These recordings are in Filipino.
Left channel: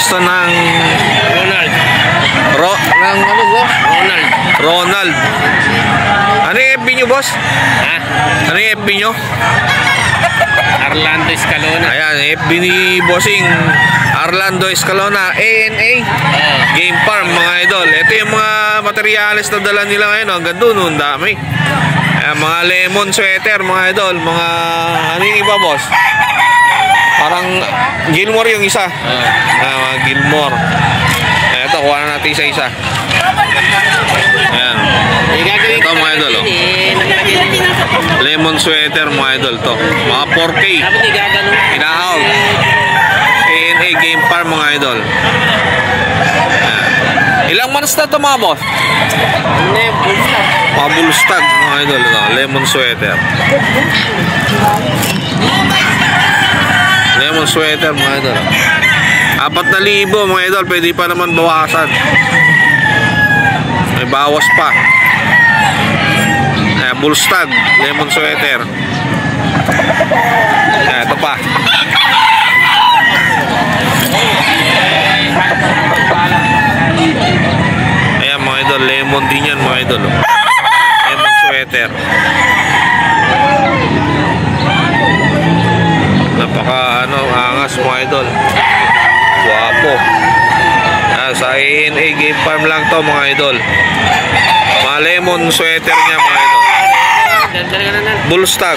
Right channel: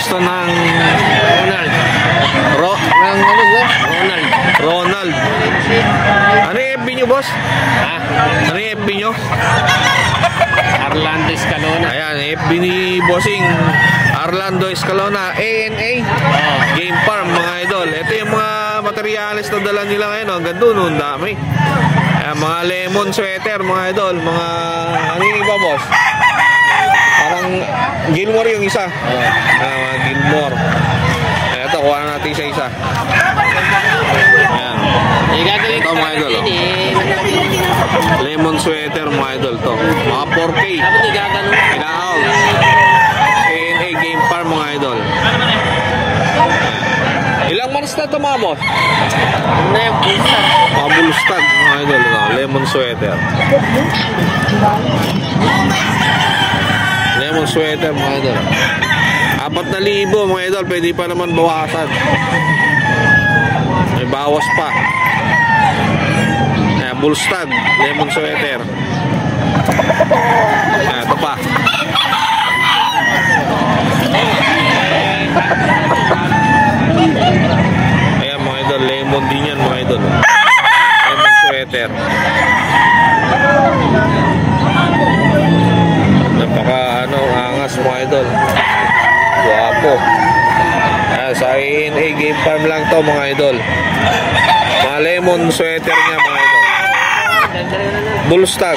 pwesto ng Ronald. Ano yung FB nyo, boss? Ha? Ano yung FB nyo? Arlando Escalona. Ayan, FB ni Bossing Arlando Escalona, ANA Game Farm, mga idol. Ito yung mga materyales na dala nila ngayon. Hanggang doon, ang dami. Ayan, mga lemon sweater, mga idol. Mga, ano yung iba, boss? Parang Gilmore yung isa. Mga Gilmore. Ito, kuha na natin isa-isa. Ayan. Ito, mga idol. Lemon sweater, mga idol. To. Mga 4K. Ina-out. ANA Game Farm, mga idol. Ayan. Ilang months na ito, mga boss? Mga bulstag, mga idol. Ito. Lemon sweater. Lemon sweater, mga idol. 4,000, mga idol. Pwede pa naman bawasan. May bawas pa. Ayan, bulstag, lemon sweater. Ayan, ito pa. Ayan, mga idol. Lemon din yan, mga idol. Lemon sweater. Napaka angas, mga idol. Guwapo. Sa ANA Game Farm lang to, mga idol. Mga lemon sweater niya, mga idol. Bulstag.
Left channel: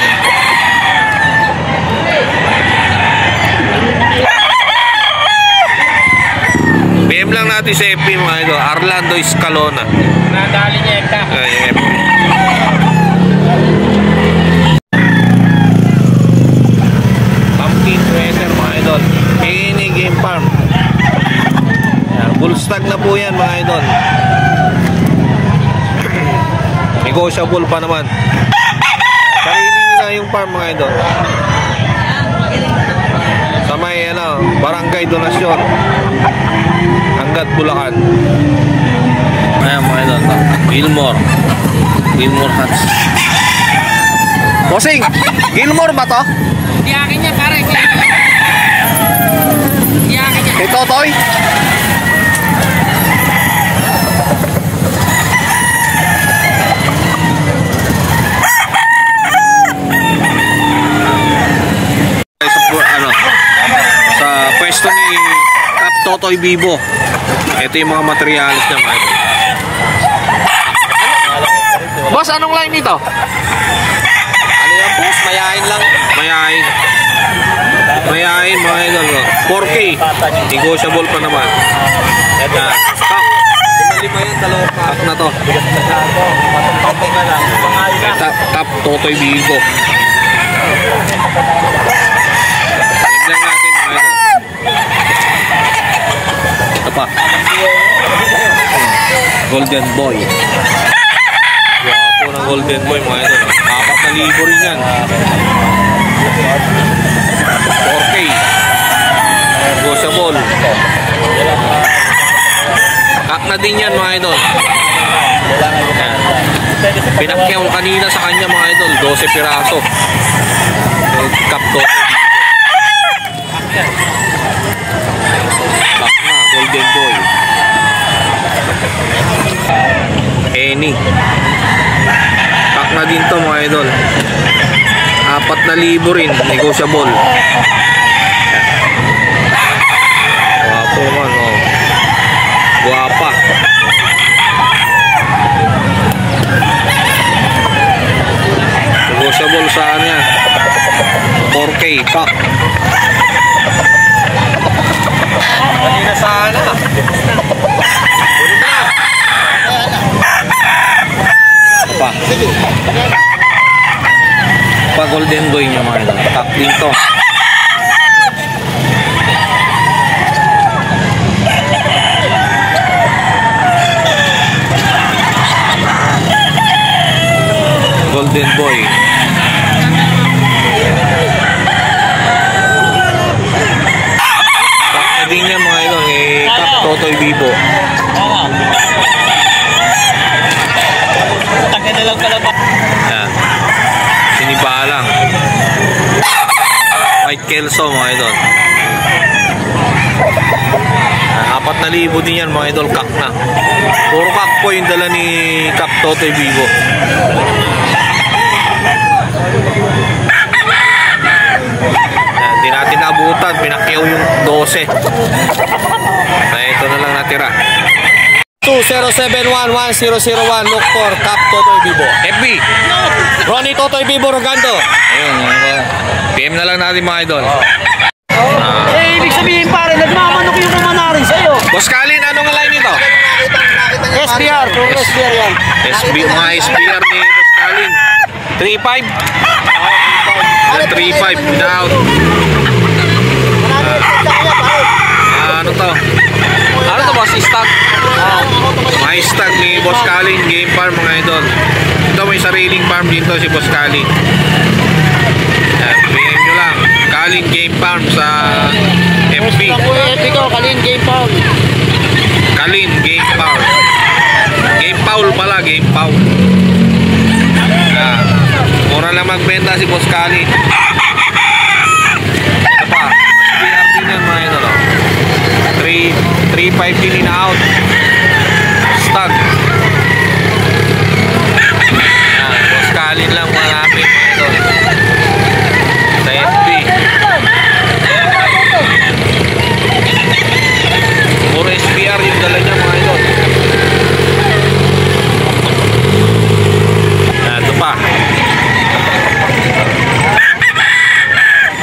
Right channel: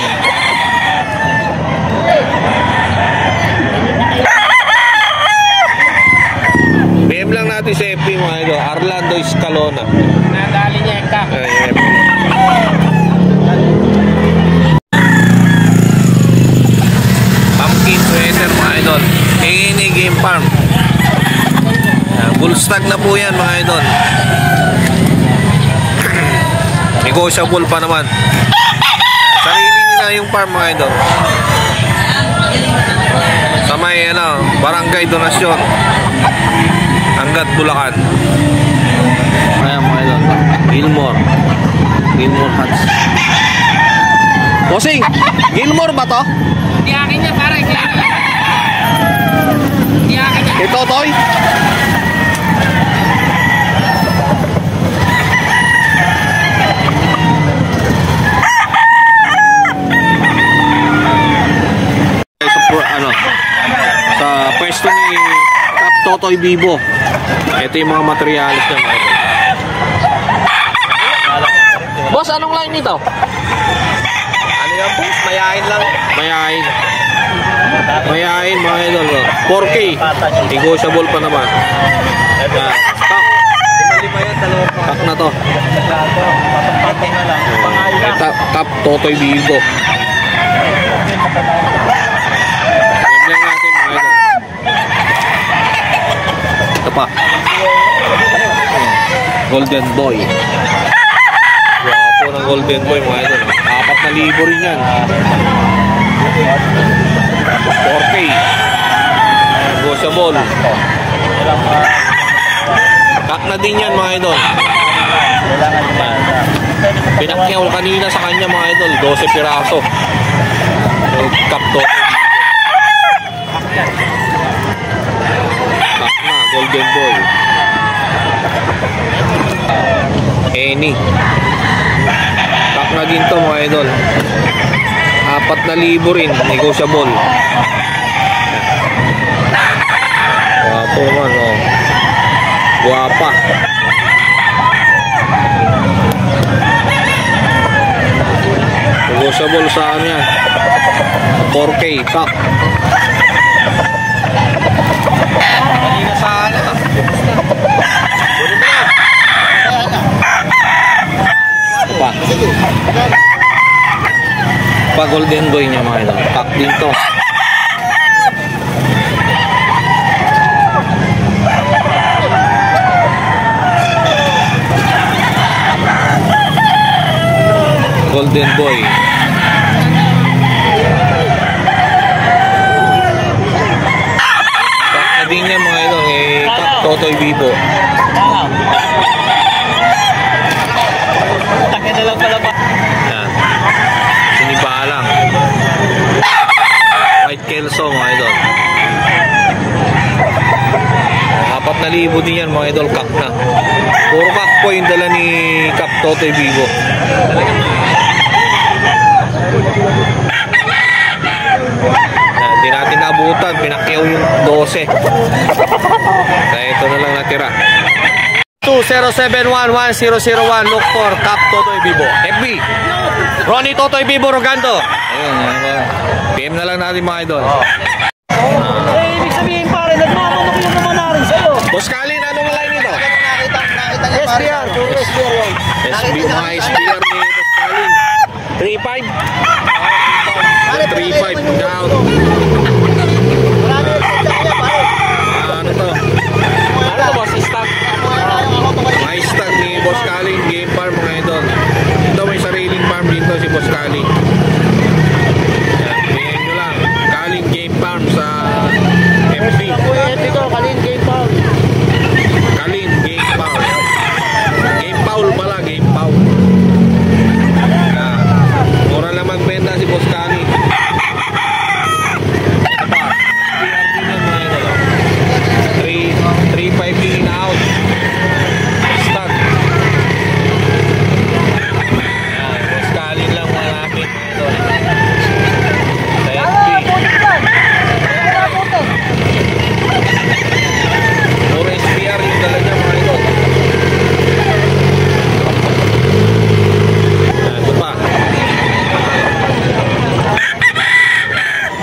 PM lang natin sa FB, mga idol. Arlando Escalona. Nadali niya eka. Pumpkin sweater, mga idol. ANA Game Farm. Bulstag na po yan, mga idol. Negotiable pa naman. Sarili nila yung farm, mga idol. Sa may barangay donasyon, Angat, Bulacan. Ayan, mga idol. Gilmore Huts. Bossing, Gilmore ba to? Hindi akin niya, pare. Hindi akin niya. Ito, Toy? Sa pwesto ni Cap Totoy Vivo. Ito yung mga materialis niya, mga idol. Boss, anong line nito? Ano yan, boss? Mayain lang. Mayain, mga idol. 4K. Negotiable pa naman. Stock na to. Cap Totoy Vivo. Tignan natin, mga idol. Ito pa. Golden Boy. Wapo ng Golden Boy, mga idol. 4,000 rin yan. 4K. Negotiable. Kak na din yan, mga idol. Yan. Pinakyaw kanina sa kanya, mga idol. 12 piraso. Cap to. Kak na, Golden Boy. Any. Kak na din to, mga idol. 4,000 rin, negotiable. Guwapo man, oh. Guwapa. Negotiable saan yan? 4K, kak. Kanina sana. Apa? Pa Golden Boy niya, mga idol. Kak din to. Golden Boy. Kak na din niya, mga idol. Kak Totoy Vivo. Yan. Sinibalang. White Kelso, mga idol. 4,000 din yan mga idol, kak na. Puro kak po yung dala ni Kap Totoy Vivo. Hindi natin naabutan, pinakyaw yung 12. Kaya ito na lang natira. 20711001, look for Kap Totoy Vivo. FB Ronnie Totoy Vivo Rogando. Ayun, PM na lang natin mga idol. Ibig sabihin pare, nagmamanok yung mamanarin sa'yo. Boss Kalin, anong line nito? SBR, puro SBR yan. Mga SBR ni Boss Kalin. 3.5. 3.5 down. Ano to? Ano to boss? Stock? Mga stock ni Boss Kalin, game farm mga idol. Ito may sariling farm dito si Boss Kalin. Pingin nyo lang, Kalin Game Farm sa FB. FB ko, Kalin Game Farm. Kalin Game Farm. Game Paul pala, Game Paul. Mura lang magbenta si Boss Kalin. Ito pa, SBR din yan mga idol. 3.5 din in out. Stag. Boss Kalin lang malapit mga idol. Sa FB. Puro SBR yung dala niya mga idol. Ito pa.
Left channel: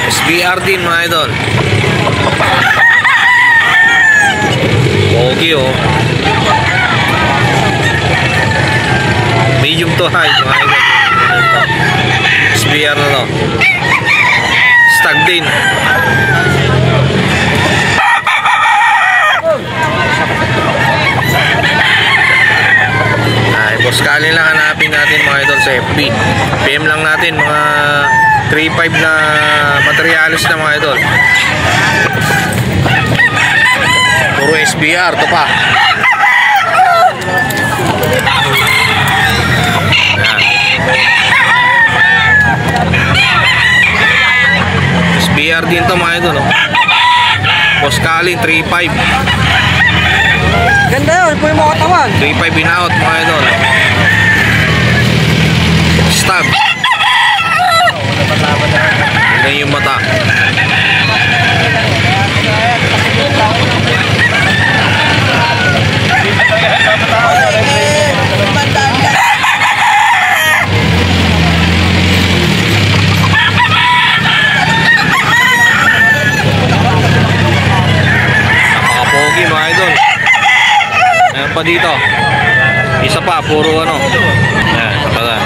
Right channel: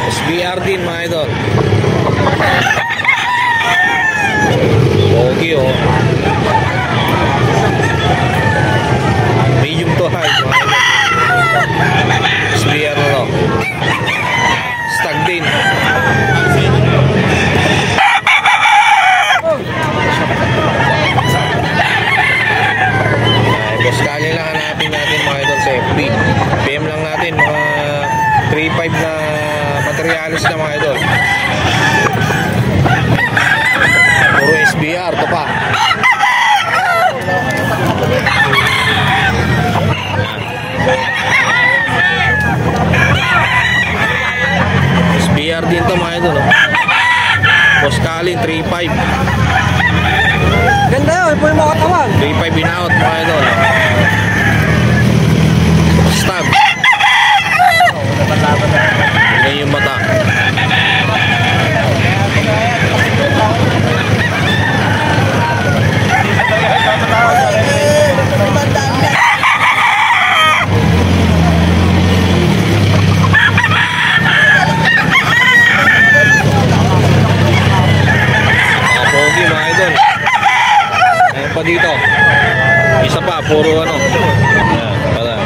SBR din mga idol. Okay oh. Medium to high mga idol. SBR na to. Stag din. Boss Kalin lang hanapin natin mga idol sa FB. PM lang natin mga 3.5 na materialis na mga idol. Puro SBR to pa. SBR din to mga idol no? Boss Kalin 3.5. Ganda yun, po yung mga katawan. 3.5 in out mga idol. Stab. Tignan yung mata. Napaka-pogi mga idol. Ayan pa dito. Isa pa, puro ano. Ayan, pala.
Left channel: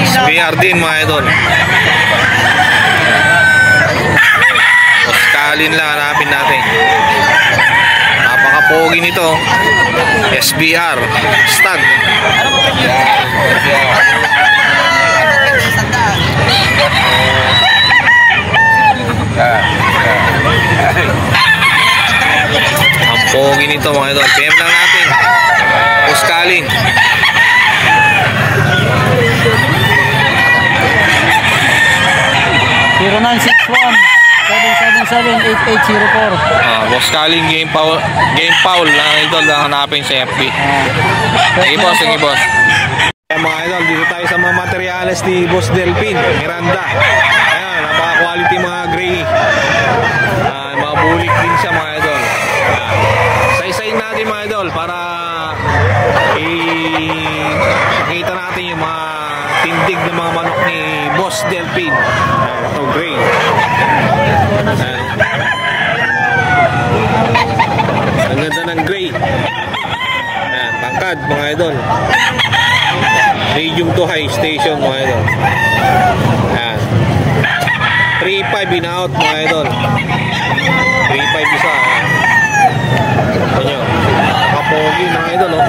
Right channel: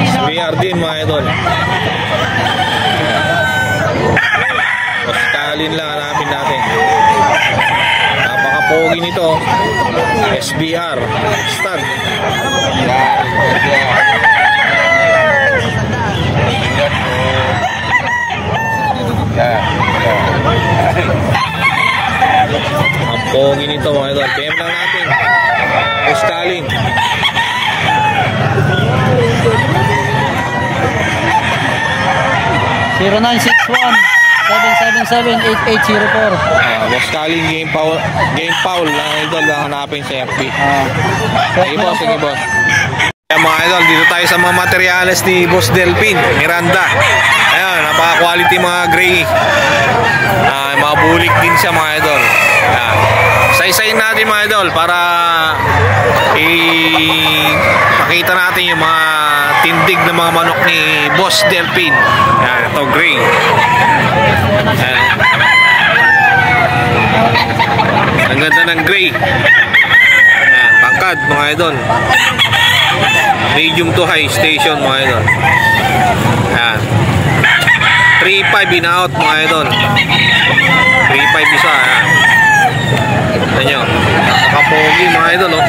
SBR din mga idol. Boss Kalin lang hanapin natin. Napaka-pogi nito. SBR Stag. Ang pogi nito mga idol. PM lang natin. Boss Kalin. Boss Kalin Game Paul lang idol lang hanapin sa FB. Sige boss, sige boss. Ayan mga idol, dito tayo sa mga materyales ni Boss Delpin Miranda. Ayan, napaka-quality mga gray. Mga bulik din siya mga idol. Ayan. Say-sayin natin mga idol para makita natin yung mga tindig na mga manok ni Boss Delpin. Ayan, ito gray. Ayan. Ang ganda ng gray. Ayan, pangkad mga idol. Medium to high station mga idol. Ayan. 3.5 in out mga idol. 3.5 isa. Ayan. Ito nyo. Napaka-pogi mga idol oh.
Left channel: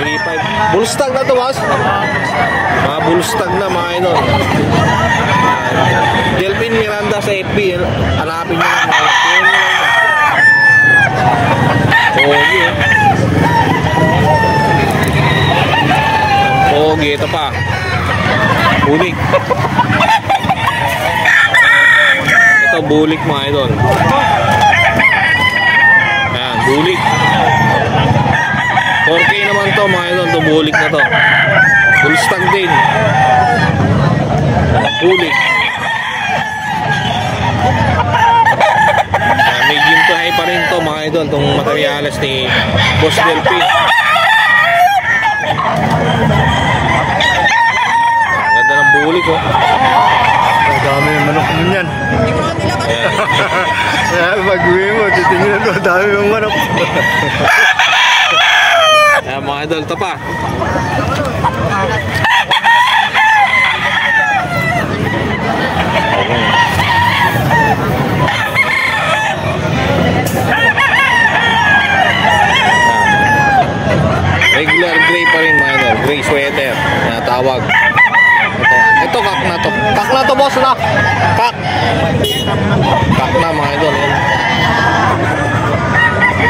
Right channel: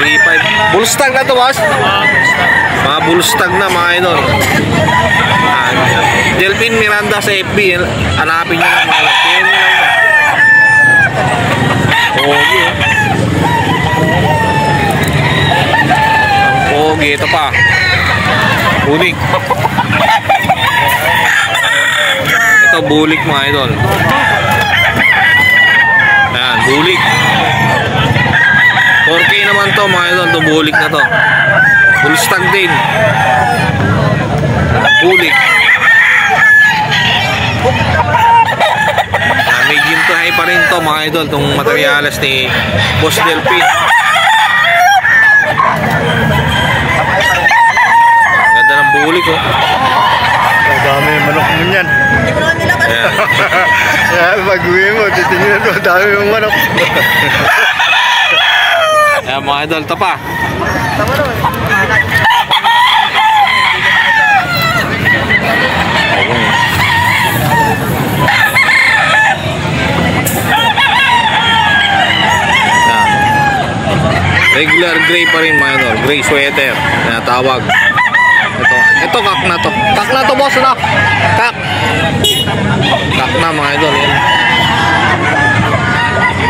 3.5. Bullstag na to boss. Mga bullstag na mga idol. Ayan. Delpin Miranda sa FB. Hanapin nyo lang mga idol. PM nyo lang. Pogi oh. Pogi, ito pa. Bulik. Ito bulik mga idol. Ayan, bulik. 4K naman to mga idol, itong bulik na to. Full stag din. Bulik. Medium to high pa rin to mga idol, itong materyales ni Boss Delphin. Ganda ng bulik oh. Ang dami yung manok mo yan. Ayan. Kaya pag-uwi mo, titingnan mo, dami yung manok. Ayan mga idol, ito pa. Regular gray pa rin mga idol, gray sweater na tawag. Ito kak na to. Kak na to boss na. Kak. Kak na mga idol yan.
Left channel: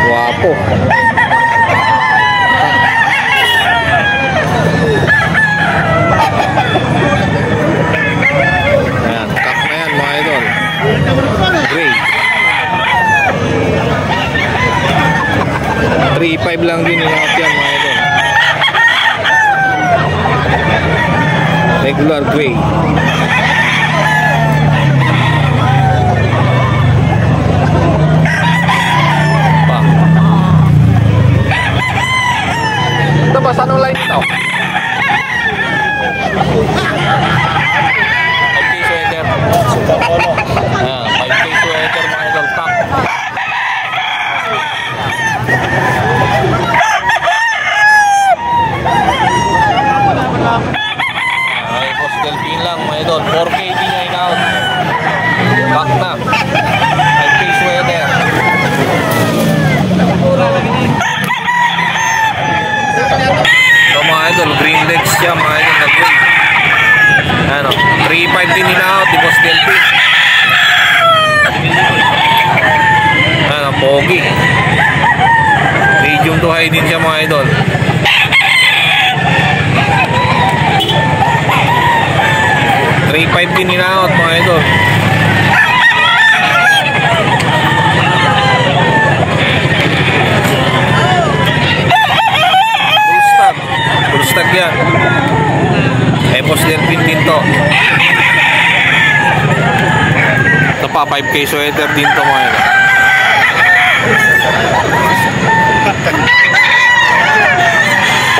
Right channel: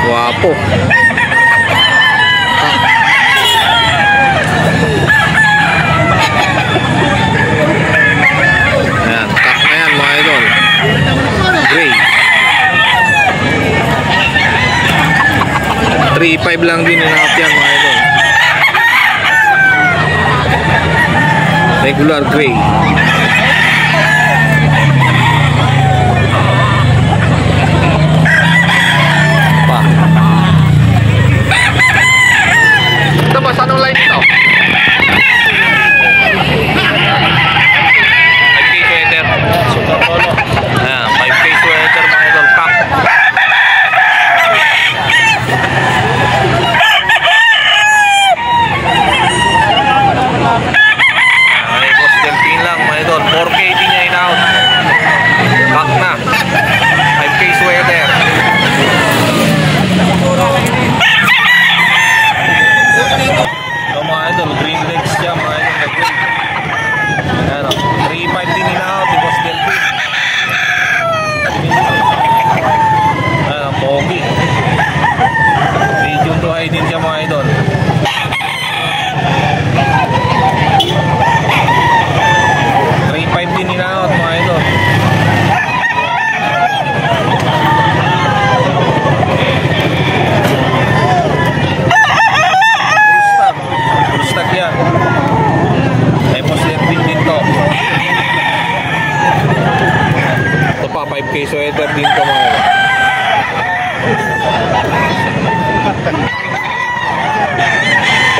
Guwapo. Kak. Ayan, kak na yan mga idol. Gray. 3.5 lang din inakap yan mga idol. Regular gray. Pa. Ito ba? Anong line ito? 5K sweater. Ayan, 5K sweater mga idol. Kak. Delphin lang mga idol, 4K din niya in-out. Back na 5K sweater. So mga idol, green legs siya mga idol na green. Ano, 3.5 din in-out ni Boss Delphin. Ano, pogi. Medium to high din siya mga idol. Din in-out mga idol. Full stock yan. Tapos Delphin din to. Ito pa 5K sweater din to mga idol.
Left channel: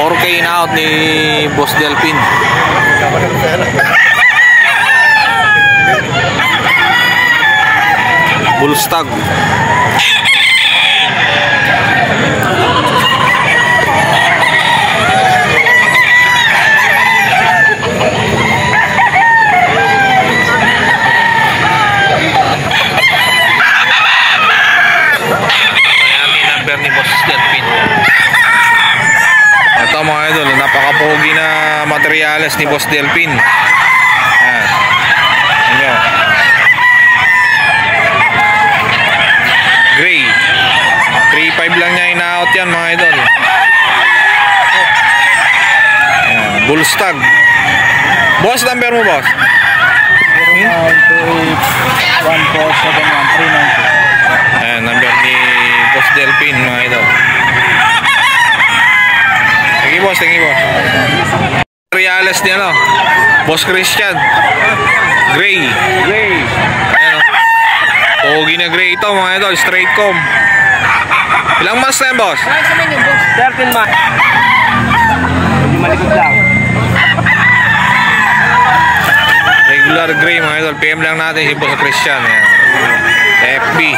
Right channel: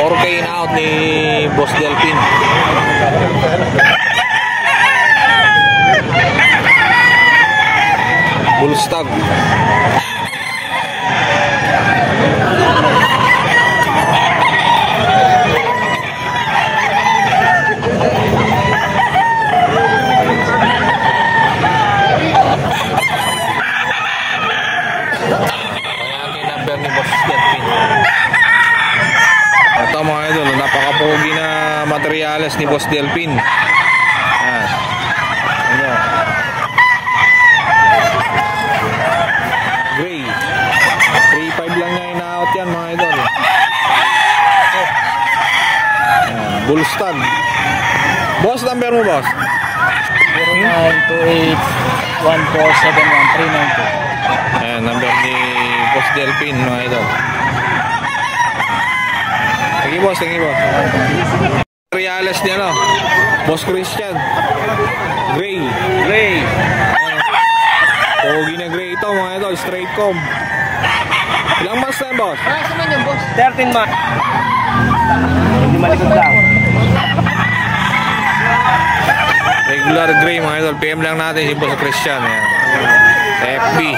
$4K in-out ni Boss Delphin. Bullstag. Number ni Boss Delphin. Ito mga idol, napaka-pogi na materyales ni Boss Delphin. Ayan. Inyo. Gray. 3.5 lang niya in-out yan mga idol. Ayan. Bullstag. Boss, number mo boss? 0928-1471-392. Ayan, number ni Boss Delphin mga idol. Thank you boss, thank you boss. Reales niya no, Boss Christian. Gray. Gray. Ayan o. Pogi na gray ito mga idol, straight comb. Ilang months na yan boss? 13 months. Hindi malikot lang. Regular gray mga idol, PM lang natin si Boss Christian. Ayan. FB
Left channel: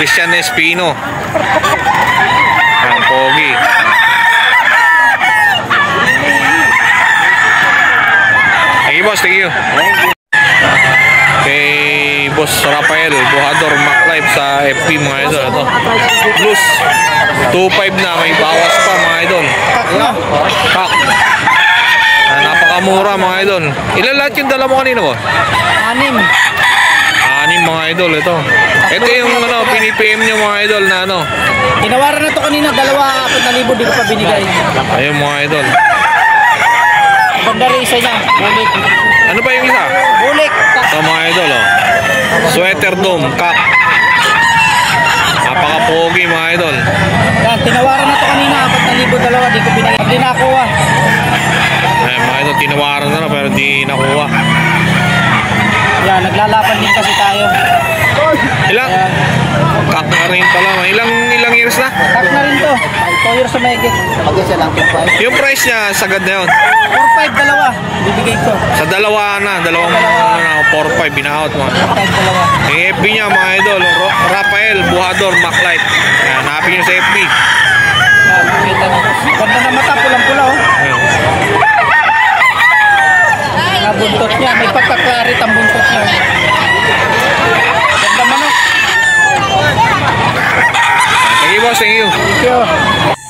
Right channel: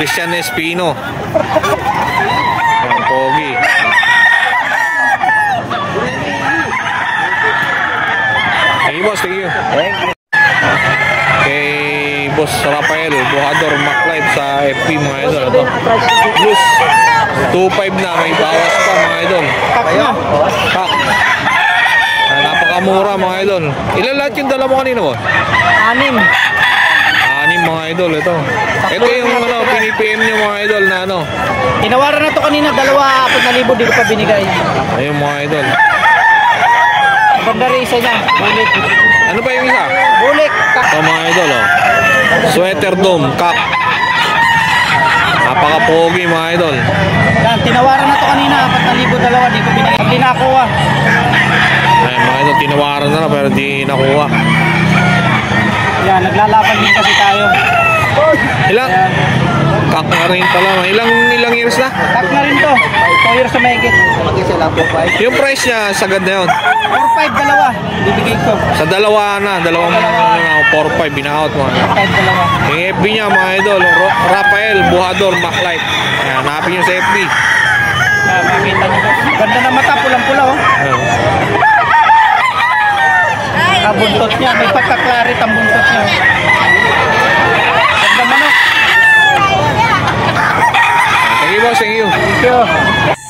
Christian Espino. Ayan, pogi. Thank you boss, thank you. Thank you. Kay Boss Rafael Buhador MacLive sa FB mga idol. Ito Blues 2.5 na, may bawas pa mga idol. Kak na. Kak. Napakamura mga idol. Ilan lahat yung dala mo kanina boss? 6. 6 mga idol ito. Ito yung ano, pinipm nyo mga idol na ano. Tinawaran na to kanina, 2,000, 4,000, di ko pa binigay. Ayun mga idol. Ganda rin isa niya. Bulik. Ano pa yung isa? Bulik. Ito mga idol, oh. Sweater dome, kak. Napaka-pogi mga idol. Yan, tinawaran na to kanina. 4,200. Di ko pinag... Hindi nakuha. Ayan, mga idol, tinawaran na lang pero di nakuha. Yan, naglalaban din kasi tayo. Ilang? Ayan. Kak na rin pala. Ilang years na? Tag na rin to. 2 years sa mahigit. Yung price niya, sagad na yun. 4-5 dalawa. Bibigay ko. Sa dalawa na, dalawang 4-5, binaot mga. 4-5 dalawa. Yung FB niya mga idol, Rafael Buhador Maclight. Ayan, hanapin nyo sa FB. Yan, makita nyo. Ganda na mata, pulang-pula oh. Ayan. Buntot niya. May pagkaklarit ang buntot niya. Ganda manok. Thank you boss, thank you. Thank you.